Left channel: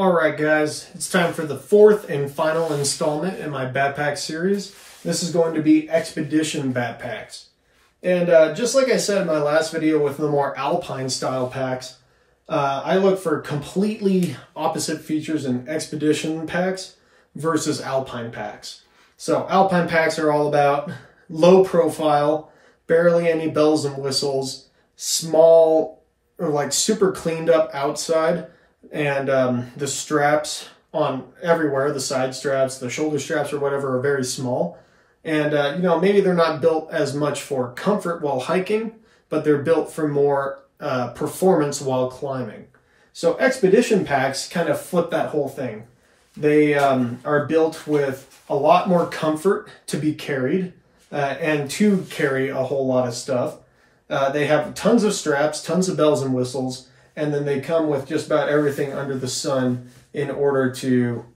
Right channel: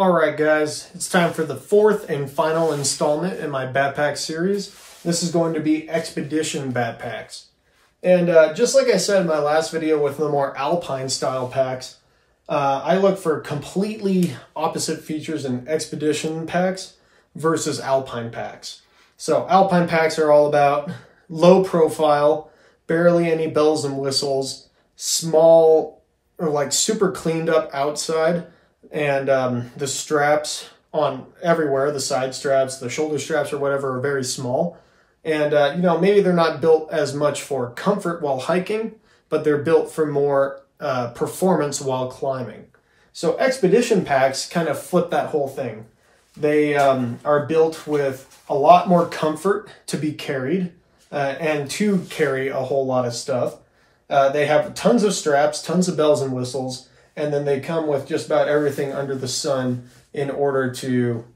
Alright guys, it's time for the fourth and final installment in my backpack series. This is going to be expedition backpacks. And just like I said in my last video with the more alpine style packs, I look for completely opposite features in expedition packs versus alpine packs. So alpine packs are all about low profile, barely any bells and whistles, small or like super cleaned up outside, and the straps on everywhere, the side straps, the shoulder straps or whatever, are very small. And, you know, maybe they're not built as much for comfort while hiking, but they're built for more performance while climbing. So expedition packs kind of flip that whole thing. They are built with a lot more comfort to be carried and to carry a whole lot of stuff. They have tons of straps, tons of bells and whistles, and then they come with just about everything under the sun in order to,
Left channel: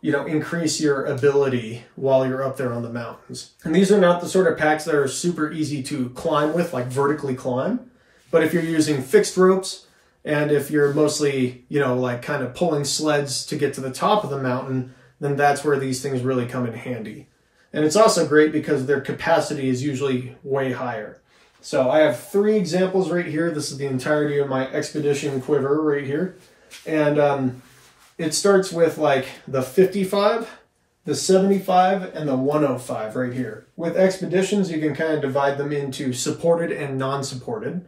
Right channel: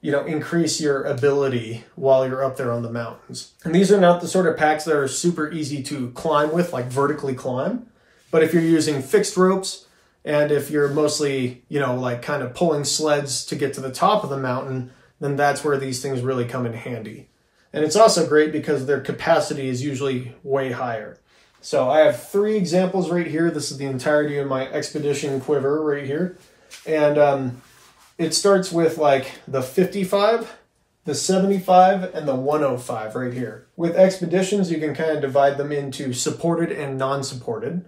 you know, increase your ability while you're up there on the mountains. And these are not the sort of packs that are super easy to climb with, like vertically climb. But if you're using fixed ropes, and if you're mostly, you know, like kind of pulling sleds to get to the top of the mountain, then that's where these things really come in handy. And it's also great because their capacity is usually way higher. So I have 3 examples right here. This is the entirety of my expedition quiver right here. And it starts with like the 55, the 75, and the 105 right here. With expeditions, you can kind of divide them into supported and non-supported.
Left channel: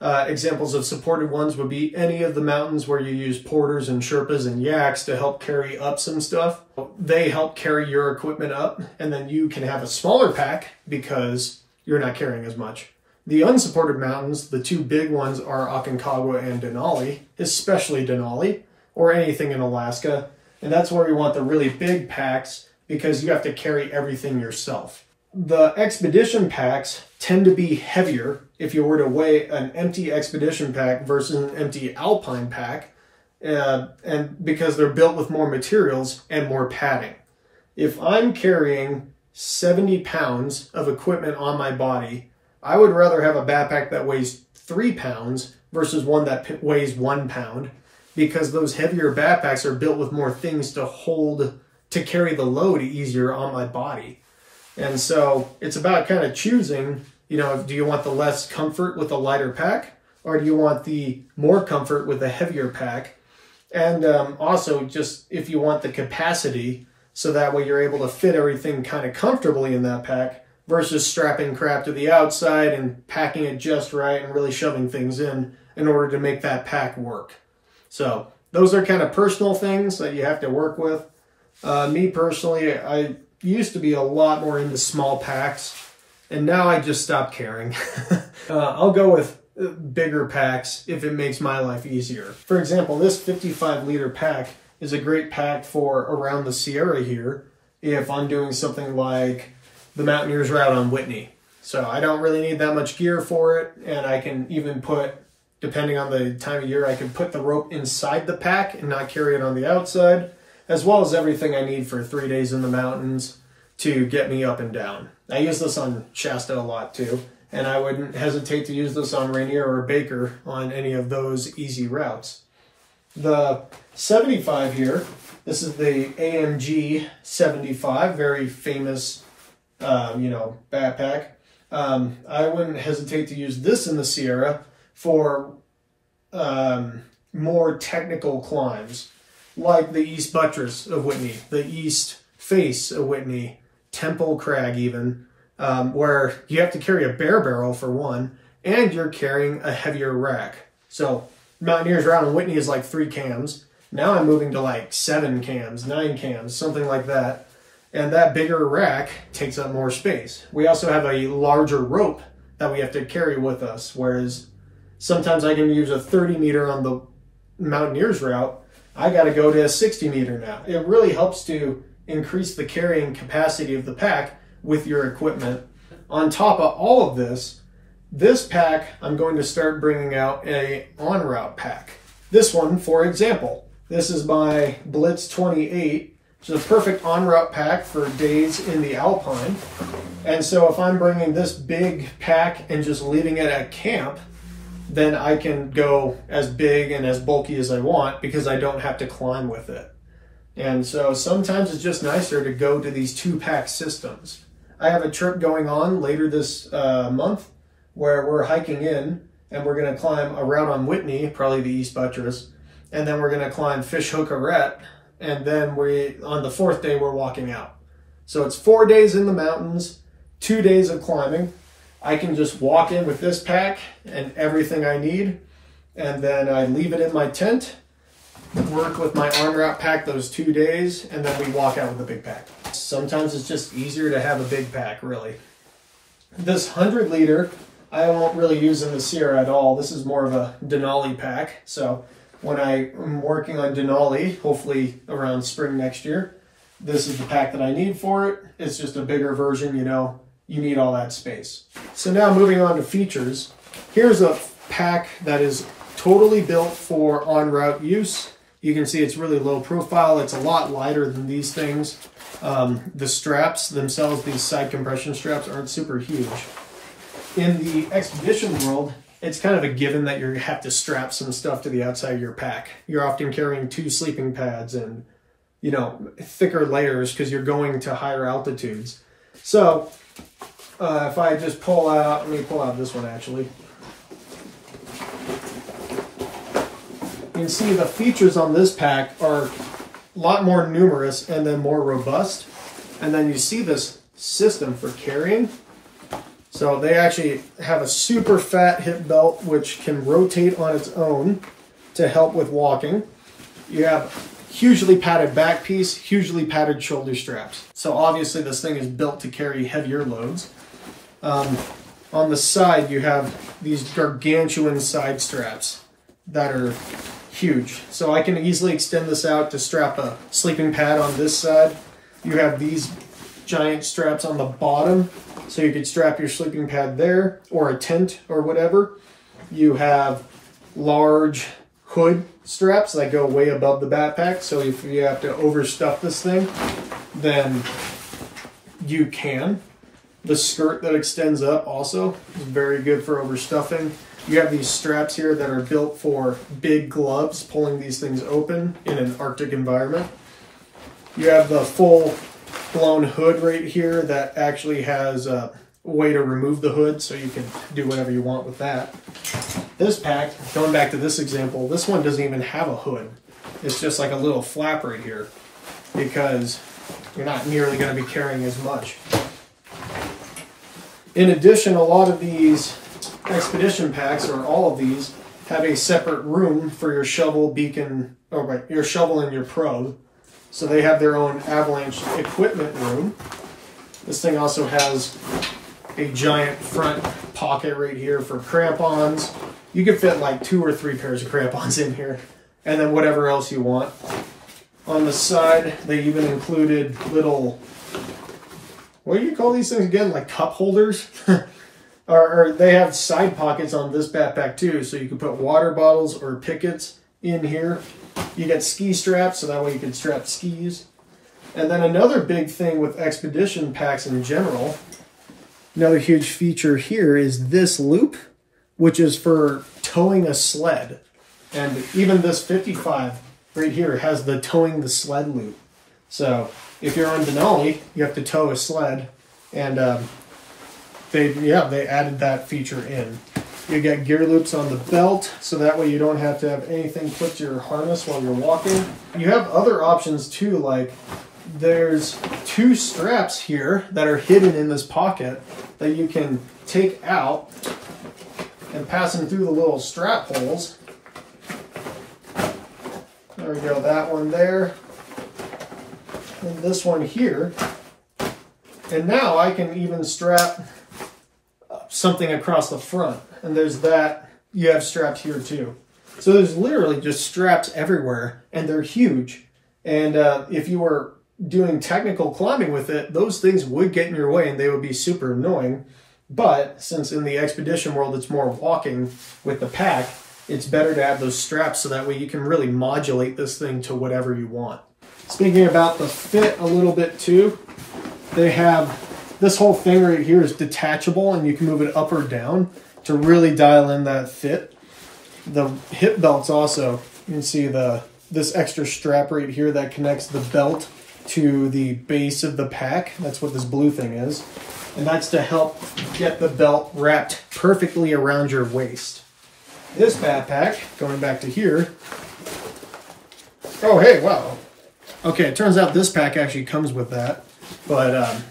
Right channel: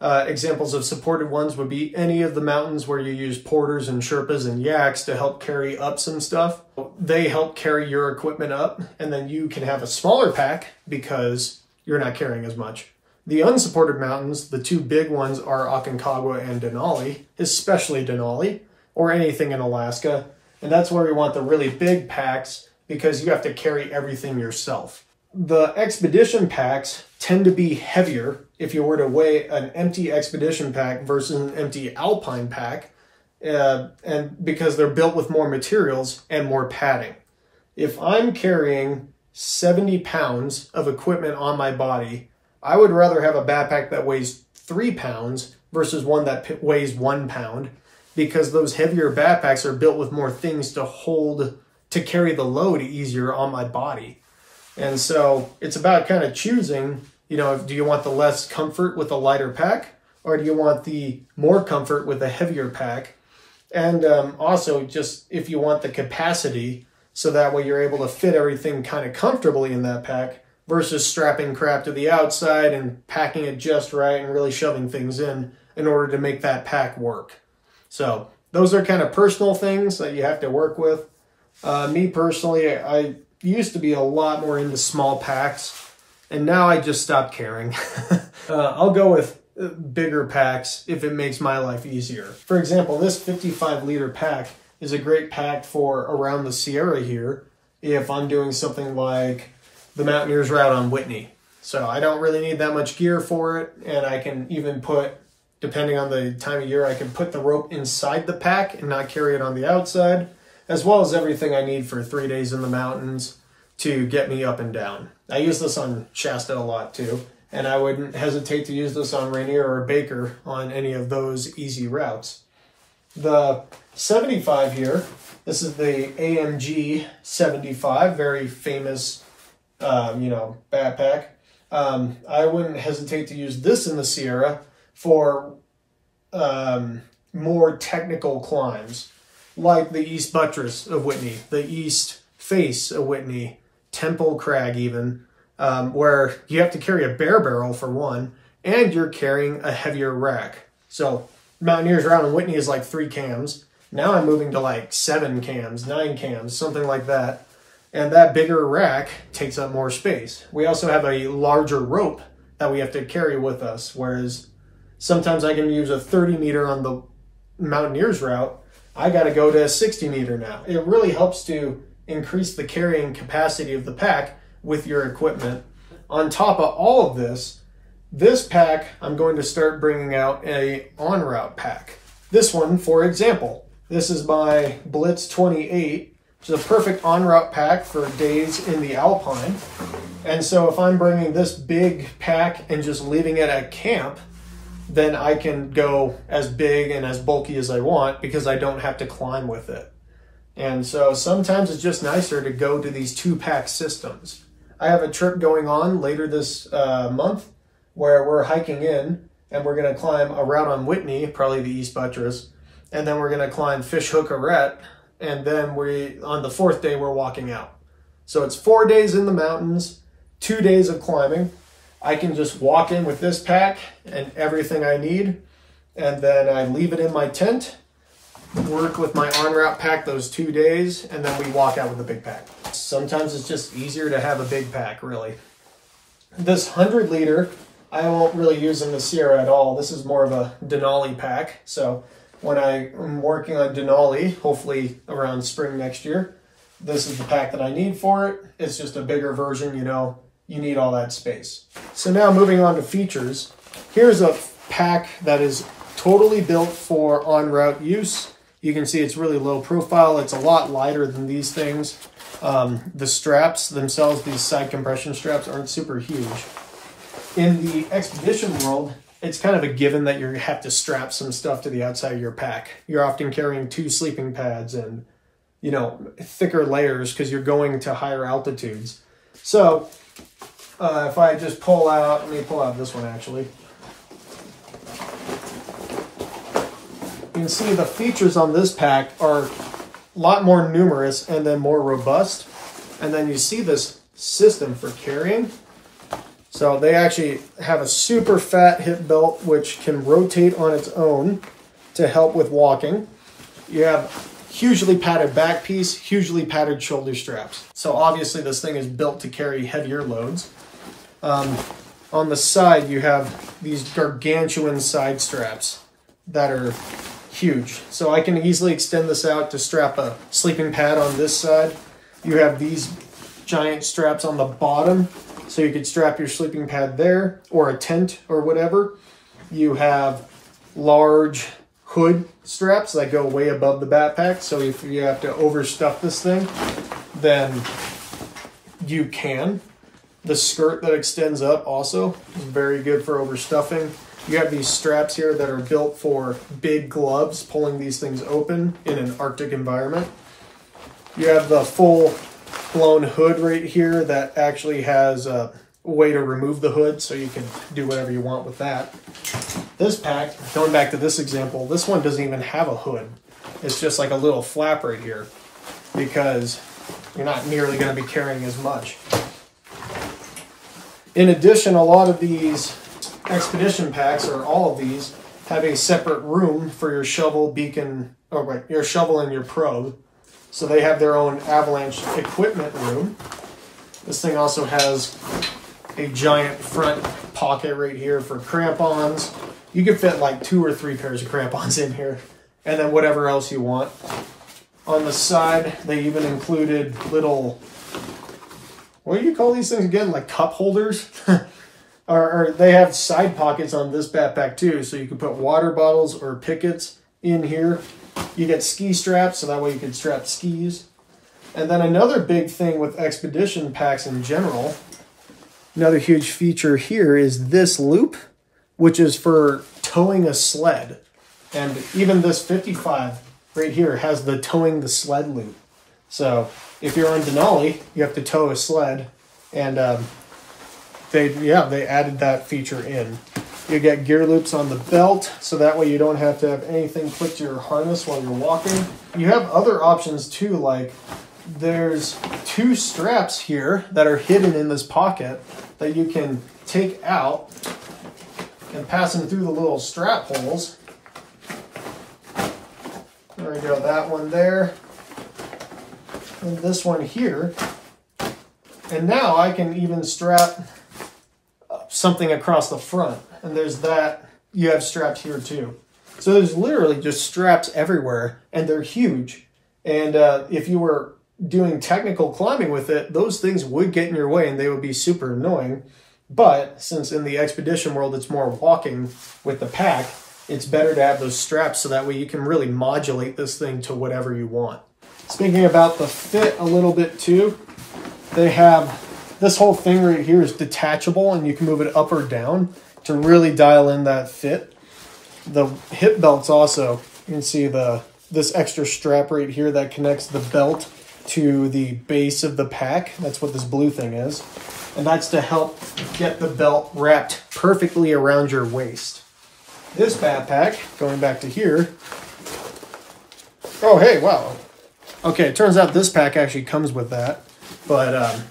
Examples of supported ones would be any of the mountains where you use porters and Sherpas and yaks to help carry up some stuff. They help carry your equipment up, and then you can have a smaller pack because you're not carrying as much. The unsupported mountains, the 2 big ones, are Aconcagua and Denali, especially Denali, or anything in Alaska. And that's where you want the really big packs because you have to carry everything yourself. The expedition packs tend to be heavier if you were to weigh an empty expedition pack versus an empty alpine pack, and because they're built with more materials and more padding. If I'm carrying 70 pounds of equipment on my body, I would rather have a backpack that weighs 3 pounds versus one that weighs 1 pound, because those heavier backpacks are built with more things to hold, to carry the load easier on my body. And so it's about kind of choosing, you know, do you want the less comfort with a lighter pack, or do you want the more comfort with a heavier pack? And also just if you want the capacity, so that way you're able to fit everything kind of comfortably in that pack, versus strapping crap to the outside and packing it just right and really shoving things in order to make that pack work. So those are kind of personal things that you have to work with. Me personally, I used to be a lot more into small packs, and now I just stopped caring. I'll go with bigger packs if it makes my life easier. For example, this 55-liter pack is a great pack for around the Sierra here if I'm doing something like the Mountaineers route on Whitney. So I don't really need that much gear for it, and I can even put, depending on the time of year, I can put the rope inside the pack and not carry it on the outside, as well as everything I need for 3 days in the mountains to get me up and down. I use this on Shasta a lot too, and I wouldn't hesitate to use this on Rainier or Baker on any of those easy routes. The 75 here, this is the AMG 75, very famous you know, backpack. I wouldn't hesitate to use this in the Sierra for more technical climbs, like the East Buttress of Whitney, the East Face of Whitney, Temple Crag even, where you have to carry a bare barrel for one, and you're carrying a heavier rack. So Mountaineers route in Whitney is like 3 cams. Now I'm moving to like 7 cams, 9 cams, something like that. And that bigger rack takes up more space. We also have a larger rope that we have to carry with us, whereas sometimes I can use a 30 meter on the Mountaineers route. I got to go to a 60 meter now. It really helps to increase the carrying capacity of the pack with your equipment. On top of all of this, this pack, I'm going to start bringing out a on-route pack. This one, for example, this is my Blitz 28. It's a perfect on-route pack for days in the alpine. And so if I'm bringing this big pack and just leaving it at camp, then I can go as big and as bulky as I want because I don't have to climb with it. And so sometimes it's just nicer to go to these 2-pack systems. I have a trip going on later this month where we're hiking in and we're going to climb a route on Whitney, probably the East Buttress, and then we're going to climb Fish Hook Arret, and then on the 4th day we're walking out. So it's 4 days in the mountains, 2 days of climbing. I can just walk in with this pack and everything I need, and then I leave it in my tent, work with my en route pack those 2 days, and then we walk out with a big pack. Sometimes it's just easier to have a big pack, really. This 100 liter, I won't really use in the Sierra at all. This is more of a Denali pack. So when I am working on Denali, hopefully around spring next year, this is the pack that I need for it. It's just a bigger version, you know, you need all that space. So now moving on to features, here's a pack that is totally built for en route use. You can see it's really low profile. It's a lot lighter than these things. The straps themselves, these side compression straps, aren't super huge. In the expedition world, it's kind of a given that you have to strap some stuff to the outside of your pack. You're often carrying 2 sleeping pads and, you know, thicker layers because you're going to higher altitudes. So if I just pull out, let me pull out this one actually. You can see the features on this pack are a lot more numerous and then more robust. And then you see this system for carrying. So they actually have a super fat hip belt which can rotate on its own to help with walking. You have hugely padded back piece, hugely padded shoulder straps. So obviously this thing is built to carry heavier loads. On the side you have these gargantuan side straps that are huge. So I can easily extend this out to strap a sleeping pad on this side. You have these giant straps on the bottom, so you could strap your sleeping pad there, or a tent or whatever. You have large hood straps that go way above the backpack, so if you have to overstuff this thing, then you can. The skirt that extends up also is very good for overstuffing. You have these straps here that are built for big gloves, pulling these things open in an Arctic environment. You have the full blown hood right here that actually has a way to remove the hood, so you can do whatever you want with that. This pack, going back to this example, this one doesn't even have a hood. It's just like a little flap right here because you're not nearly going to be carrying as much. In addition, a lot of these expedition packs, or all of these, have a separate room for your shovel, beacon, or right, your shovel and your probe. So they have their own avalanche equipment room. This thing also has a giant front pocket right here for crampons. You can fit like 2 or 3 pairs of crampons in here, and then whatever else you want. On the side, they even included little, what do you call these things again? Like cup holders? or they have side pockets on this backpack too, so you can put water bottles or pickets in here. You get ski straps, so that way you can strap skis. And then another big thing with expedition packs in general, another huge feature here is this loop, which is for towing a sled. And even this 55 right here has the towing the sled loop. So if you're on Denali, you have to tow a sled, and they added that feature in. You get gear loops on the belt, so that way you don't have to have anything clipped to your harness while you're walking. You have other options too, like there's 2 straps here that are hidden in this pocket that you can take out and pass them through the little strap holes. There we go, that one there. And this one here. And now I can even strap something across the front. And there's that. You have straps here too. So there's literally just straps everywhere, and they're huge. And if you were doing technical climbing with it, those things would get in your way and they would be super annoying. But since in the expedition world it's more walking with the pack, it's better to have those straps so that way you can really modulate this thing to whatever you want. Speaking about the fit a little bit too, they have this whole thing right here is detachable, and you can move it up or down to really dial in that fit. The hip belts also, you can see this extra strap right here that connects the belt to the base of the pack. That's what this blue thing is. And that's to help get the belt wrapped perfectly around your waist. This backpack, going back to here. Oh, hey, wow. Okay, it turns out this pack actually comes with that. But,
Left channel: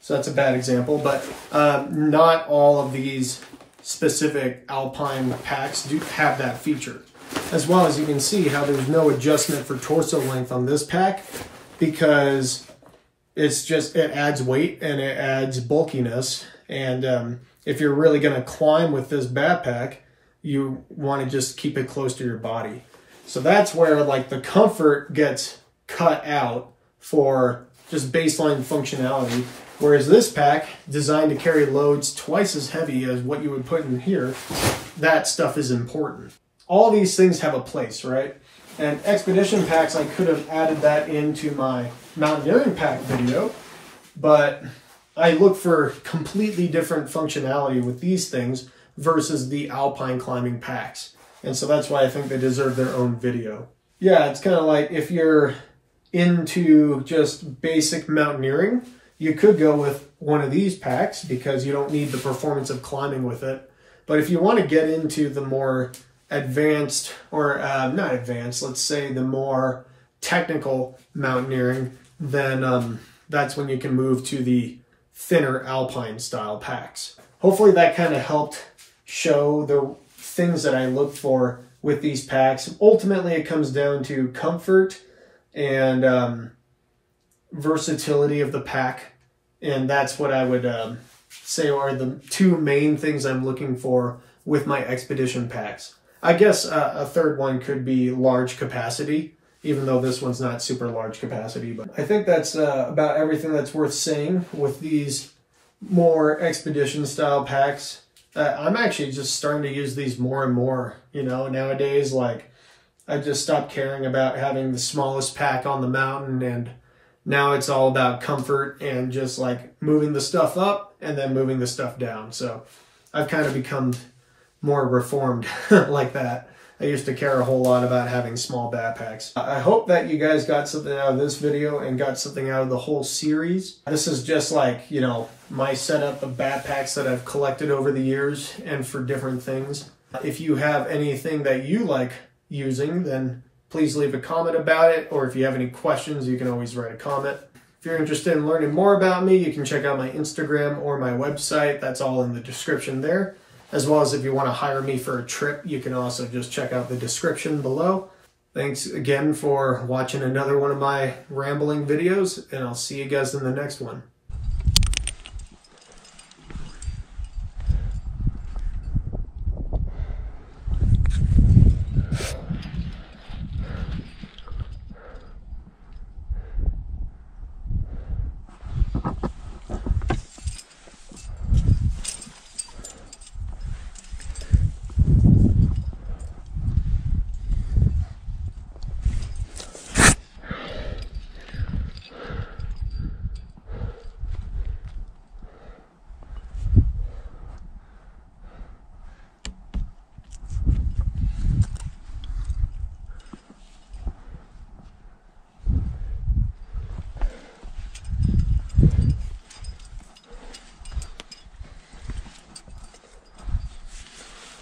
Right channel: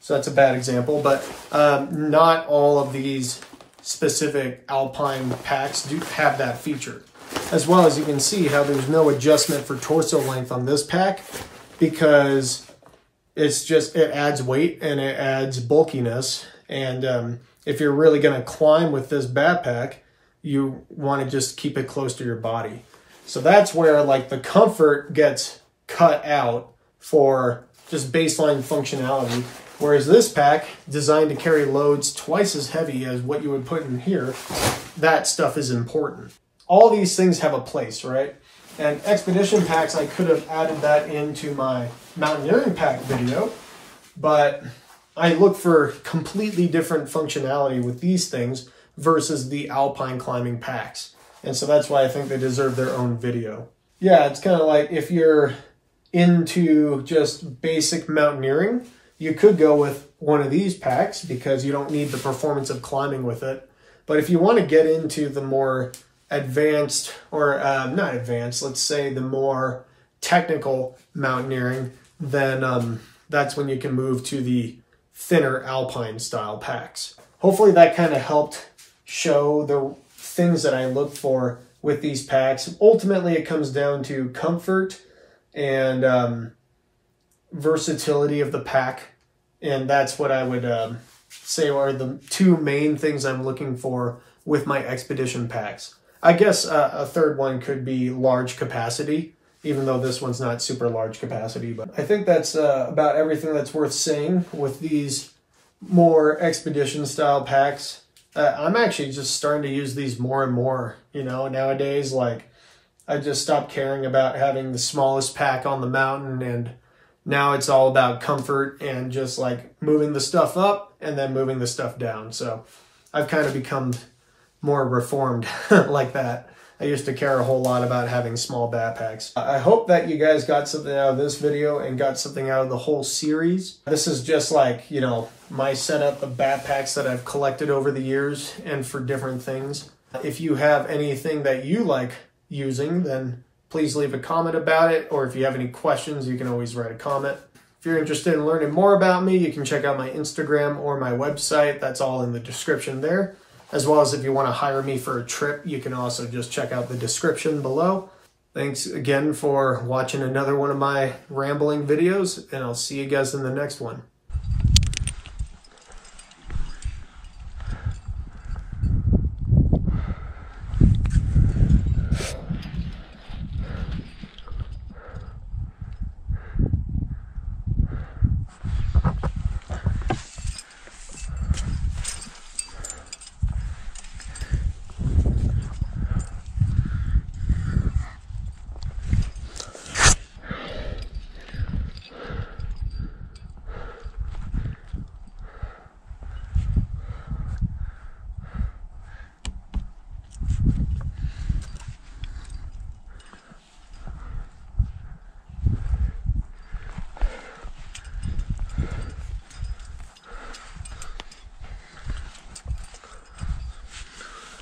so that's a bad example. But not all of these specific alpine packs do have that feature. As well as you can see how there's no adjustment for torso length on this pack, because it adds weight and it adds bulkiness. And if you're really going to climb with this backpack, you want to just keep it close to your body. So that's where like the comfort gets cut out for just baseline functionality. Whereas this pack, designed to carry loads twice as heavy as what you would put in here, that stuff is important. All these things have a place, right? And expedition packs, I could have added that into my mountaineering pack video, but I look for completely different functionality with these things versus the alpine climbing packs. And so that's why I think they deserve their own video. Yeah, it's kind of like if you're into just basic mountaineering, you could go with one of these packs because you don't need the performance of climbing with it. But if you want to get into the more advanced, or not advanced, let's say the more technical mountaineering, then that's when you can move to the thinner alpine style packs. Hopefully that kind of helped show the things that I look for with these packs. Ultimately, it comes down to comfort and versatility of the pack, and that's what I would say are the two main things I'm looking for with my expedition packs. I guess a third one could be large capacity, even though this one's not super large capacity. But I think that's about everything that's worth saying with these more expedition style packs. I'm actually just starting to use these more and more, you know, nowadays. Like, I just stopped caring about having the smallest pack on the mountain, and now it's all about comfort and just like moving the stuff up and then moving the stuff down. So I've kind of become more reformed like that. I used to care a whole lot about having small backpacks. I hope that you guys got something out of this video and got something out of the whole series. This is just like, you know, my setup of backpacks that I've collected over the years and for different things. If you have anything that you like using, then please leave a comment about it. Or if you have any questions, you can always write a comment. If you're interested in learning more about me, you can check out my Instagram or my website. That's all in the description there. As well as if you want to hire me for a trip, you can also just check out the description below. Thanks again for watching another one of my rambling videos, and I'll see you guys in the next one.